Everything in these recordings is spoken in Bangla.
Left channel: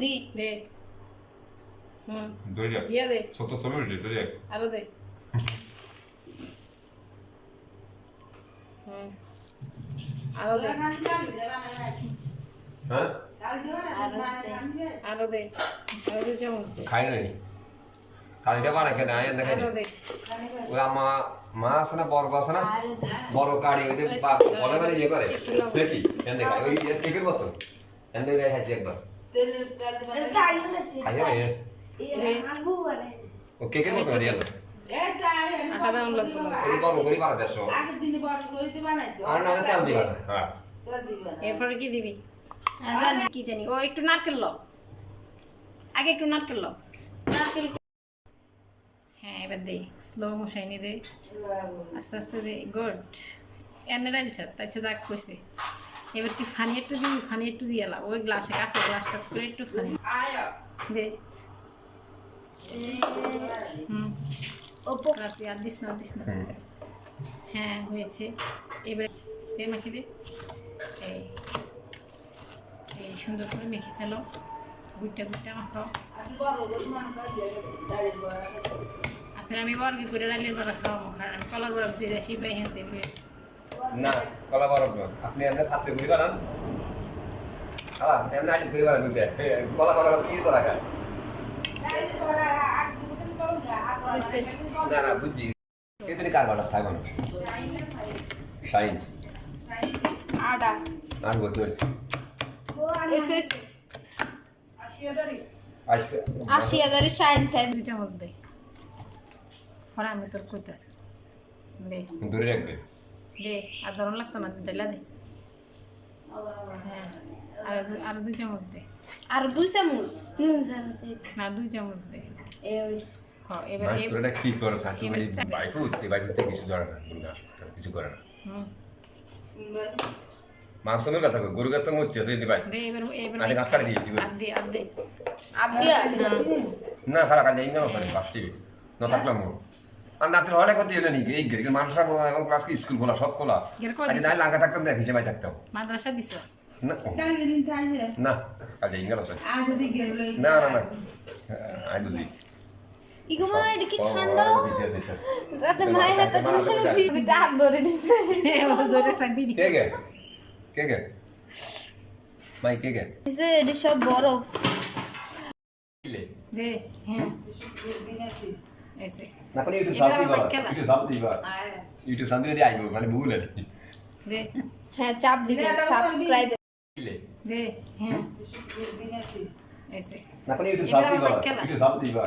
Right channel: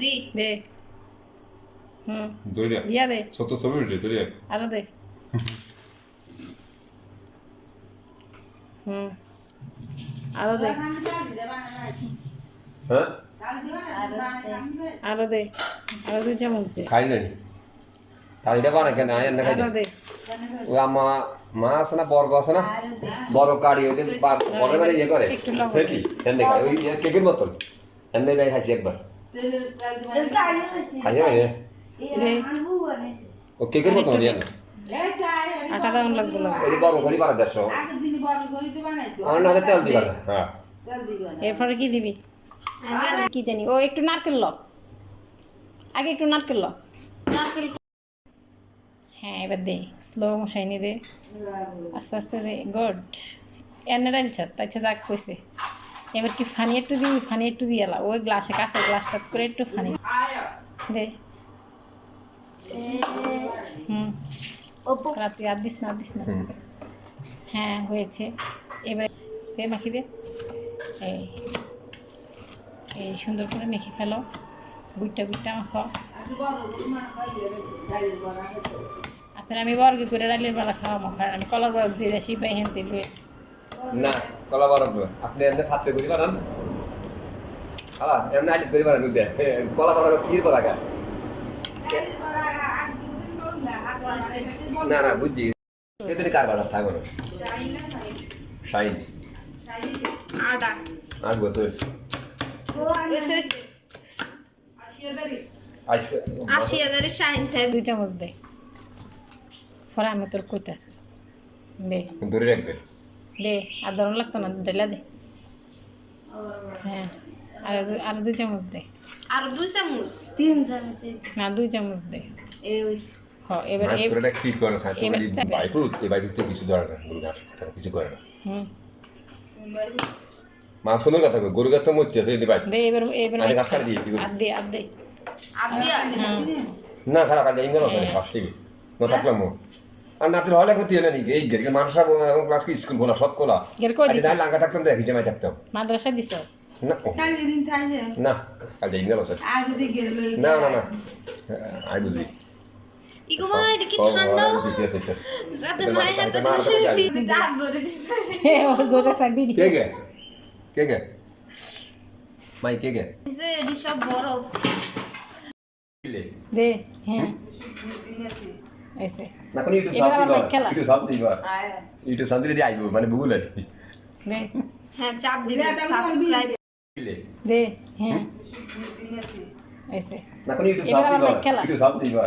দি দে ধরে দিয়া দে ছোট ছবি উঠে ধরে আরো দে আরো দে হ্যাঁ আরো দে আরো 2 চামচ দে খাই নাই তালিটা বানা কেন আয় না খাই আরো দে ওই মা আছে না বর্গ আছে না বড় কাড়ি ওই যে বড় মানে ইয়ে করে সেকি এনে খাই ওই কেকের মতন এনে গাই খাইছি একবার খাই না ও কেকের মতন হরিয়া না আটা দাম লাগবে ওই বড় করে বানা দেশ আর না তেল দিবা না হ্যাঁ এরপরে কি দিবি জানি কি জানি ও একটু নারকেল ল আগে একটু নারকেল ল নারকেল হ্যাঁ এবার দে স্লো মোশাইনে দে আস্তে আস্তে দে গুড এনে ডালছ তাইছে যাক কইছে এবার কি ফানি একটু দিবি ফানি একটু দিয়ালা ওই গ্লাসে কাছে গ্লাসটা করে একটু ফানি দে ওপো রাতে আর দিস না হ্যাঁ হয়েছে এবার দে মাখি দে এই সুন্দর করে মেখে ফেলো গুইটা মাখাও এখন আমি বর্গ করে ডালের বড়া খাওয়া মাখার আমি কলার বড়া যে দেশি পাই হেনতে লুয়ে না কলা বরফ আপনি এমনি ফাতে করি বানান আলা এমনি আইলে করি বানান বুঝতে কলা বরফ কি করা খায় না বুঝছি এতনি কার বাড়া থাই মানুষ শাইন আটা আর বোতল এসে 80,000 শাইন থাই 2 চামচ দে পরে আমি তোর কইতাছি দে ধরে রাখবেন দে আর ধরন লাগতো না ঢেলা দে হ্যাঁ আর 2 চামচ দে আর 2 চামচ 3 চামচ না 2 চামচ দে ওই হ্যাঁ এবার মাত্রটা কি করে সাথে মানে বাইকুতে কিছু ধরে না কিছু করে না মা শোনো কথা গরু গাছ তো মরছে সেই ভাই দে এবার আমি গাছ কাটি দিয়েছি আর দে না সারা কাজ ইংগেল ওখানে ফার্স্ট টিভি না থাকলাম আর নাতির হলে ক্ষতি হয় না নাকি এই গেরি মানুষ এবং ক্লাস কি স্কুল খোলা সব খোলা আজ নাই লাঙ্গা থাকতাম দেখি জামাই থাকতাম মাদ্রাসা দিছস না না কাজ ইংগেল ওখানে না আই বুঝি ইগো ভাই এটা কি ঠান্ডা সাথে মায়ের হাতে হাত ধরে দিছে ও ধরে সাবি কে মাই কে দিছে এটি সব বরফ দে হ্যাঁ ऐसे না কোন ইউটিউব সাব দিবা ইউটিউব সাব দিলে আইবো মানে ভুল আছে দে হ্যাঁ চাপ দিবেন সাবস্ক্রাইব দে হ্যাঁ ऐसे না কোন ইউটিউব সাব দিবা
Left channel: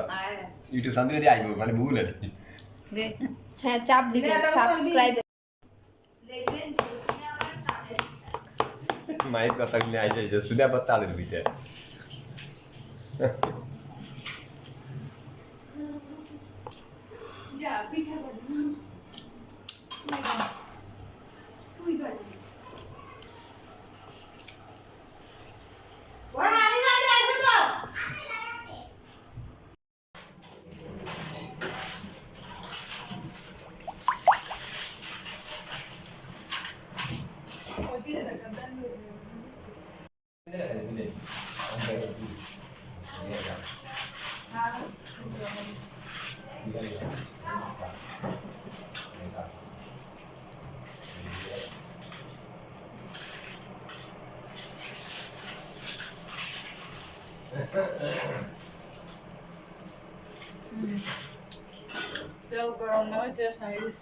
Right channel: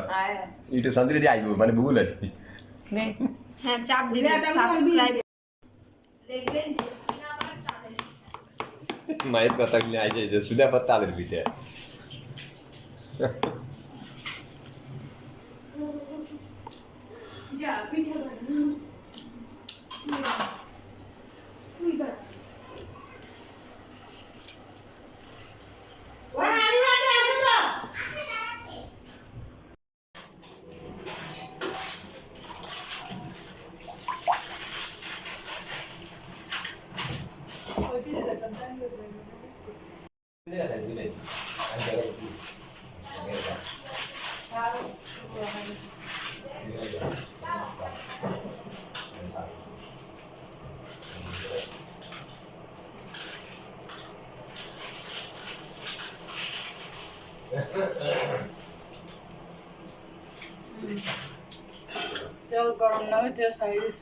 ইউটিউব সাব দিলে আইবো মানে ভুল আছে দে হ্যাঁ চাপ দিবেন সাবস্ক্রাইব মায়ের কথা গুলো আই যায় সুদা পাতা আলের বিটে যা পিঠা বানানো তুই বানা ওই হারি হারি আসো তো ওই দিকে দেখেন দান তেল গরম না হইতে সাইজ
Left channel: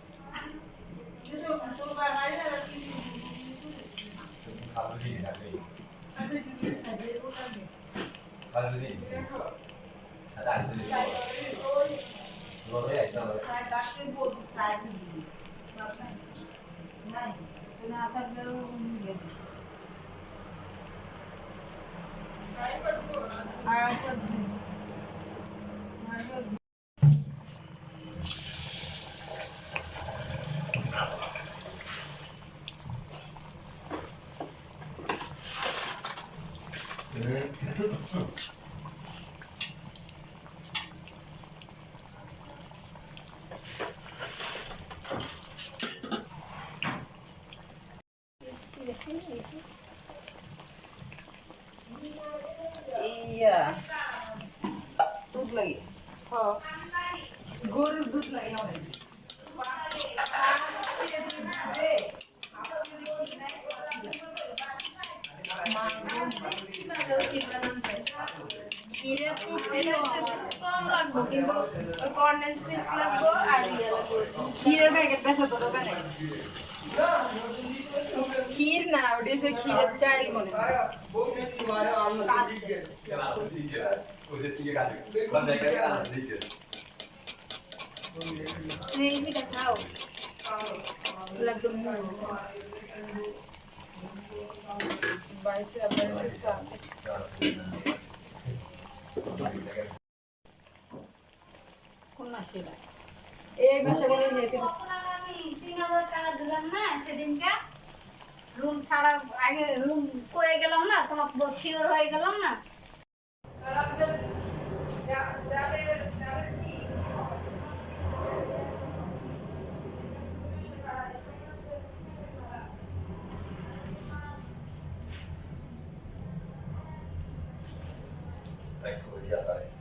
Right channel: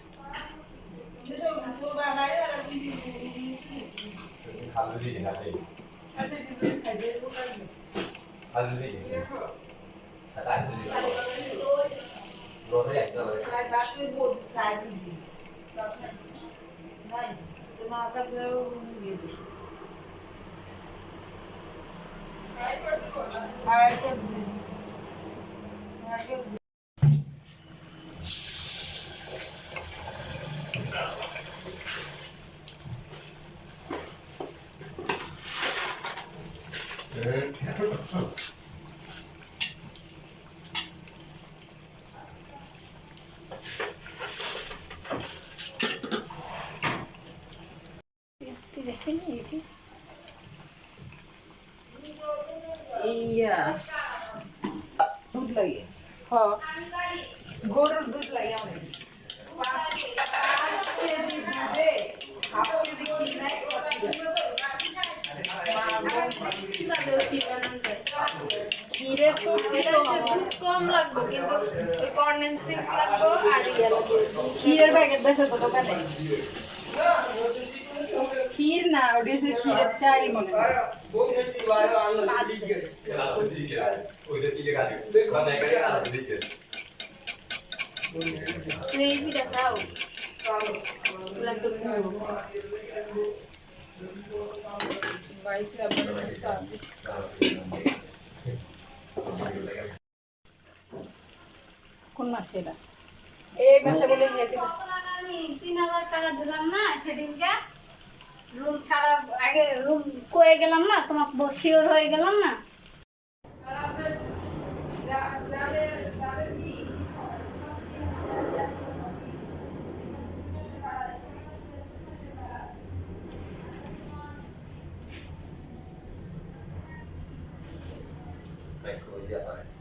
দেখেন এই যে ইয়া দুধ লাগে হ্যাঁ গরুর দুধ লাগে আমাদের ক্ষীরের তো এটা হচ্ছে দুধ কম লাগবে কিন্তু ওই কর্নেন্স মিল্ক লাগবে আর ইয়া লাগবে ক্ষীরের প্যাকেট বেচা তো দোকানে ক্ষীর না ওটা হচ্ছে ক্ষীরের চাই মনে হয় মেবিটা খাও লাগবে বাইসে আবার কোন মাসে এটা এই মাসে বলে যেতে 3000 টাকা দিলাম না সেদিনকে রুম ছাড়া আগে রুম কয়ে গেলাম না তোমার শিওর হয়ে গেলাম না Ecco, via, vai.